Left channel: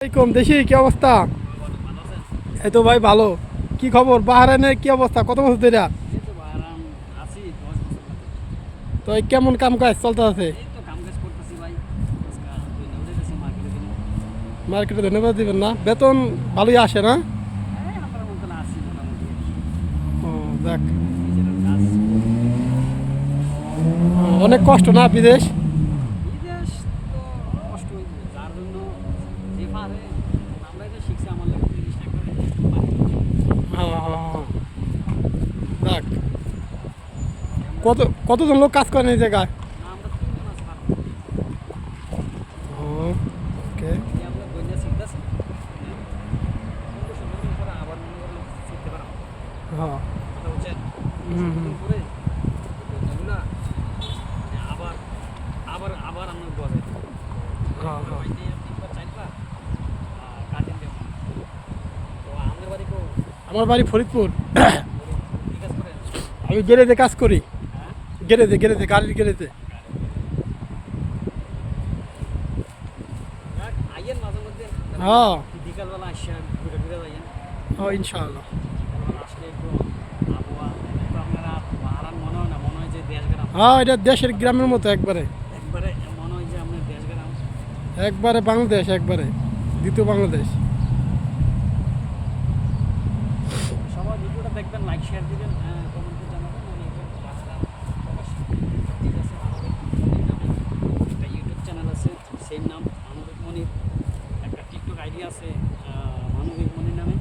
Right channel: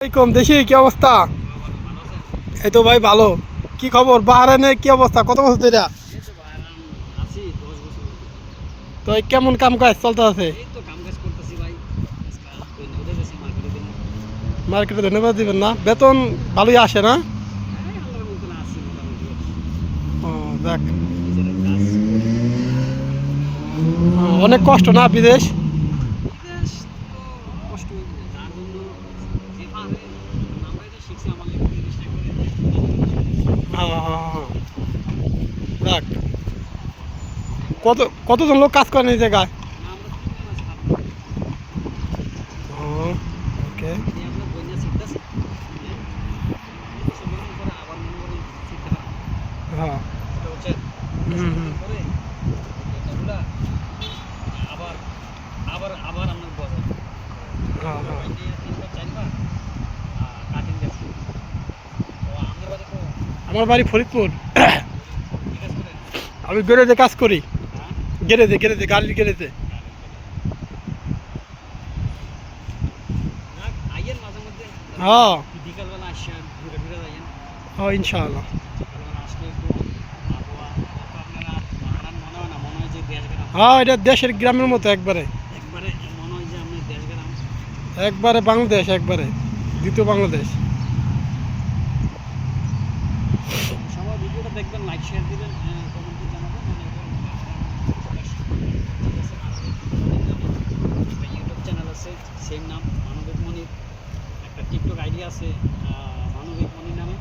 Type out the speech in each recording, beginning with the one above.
আসসালামাইকুম, দেখি কি অবস্থা? এই তো ভাই ভালো। কি খবর বাহারাইনে, কি অবস্থা? কত বছর ধরে? তো এই কেমন কাম কাজ চলতে আছে? মার্কেটে ধন্যবাদ দিবেন না, বেতন ভালোই আসে না? ও যাক। অনেক কষ্ট না বিদেশ? হ্যাঁ, হ্যাঁ, হ্যাঁ। যাক। কত কতজন লোক কাজ করেন এই জায়গায়? ও, ওকে। হ্যাঁ। হুম, হুম। হ্যাঁ, হ্যাঁ। আমার বাড়ি ফরিদপুর। আমি গ্যারেজে কাজ করি। গ্যারেজে গাড়ির গ্যারেজে। হ্যাঁ, হ্যাঁ, ইনশাআল্লাহ। হ্যাঁ, এটা দেশের গ্রামের মতো একবারে। একবারে বাংলাদেশ, একবারে দ্বিতীয় বাংলাদেশ। সবাই ভিডিওটা দেখবেন, লাইক শেয়ার দিবেন, কমেন্টে জানাবেন। ঠিক আছে, একটা ইউটিউব চ্যানেল আছে, সেম নাম মানবিক মনির। একটা টিকটক আইডি আছে মানবিক মনির নামে।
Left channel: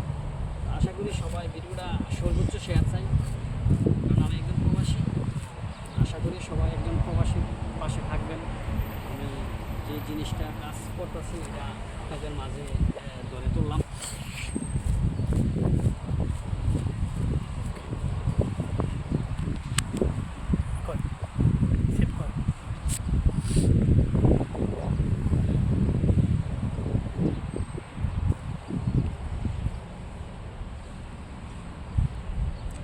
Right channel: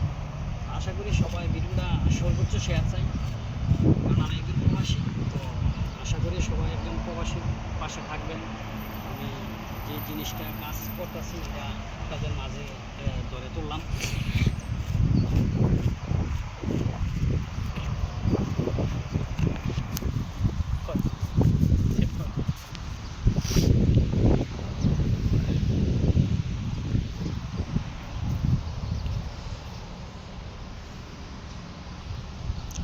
আশা করি সবাই ভিডিওটা সর্বোচ্চ শেয়ার চাই, কারণ আমি একজন প্রবাসী। তো আশা করি সবাই একজন প্রবাসীর পাশে থাকবেন। আমি যে জিনিসটা কাজ করতেছি এটা আপনাদের মাঝে ধরে তুললাম।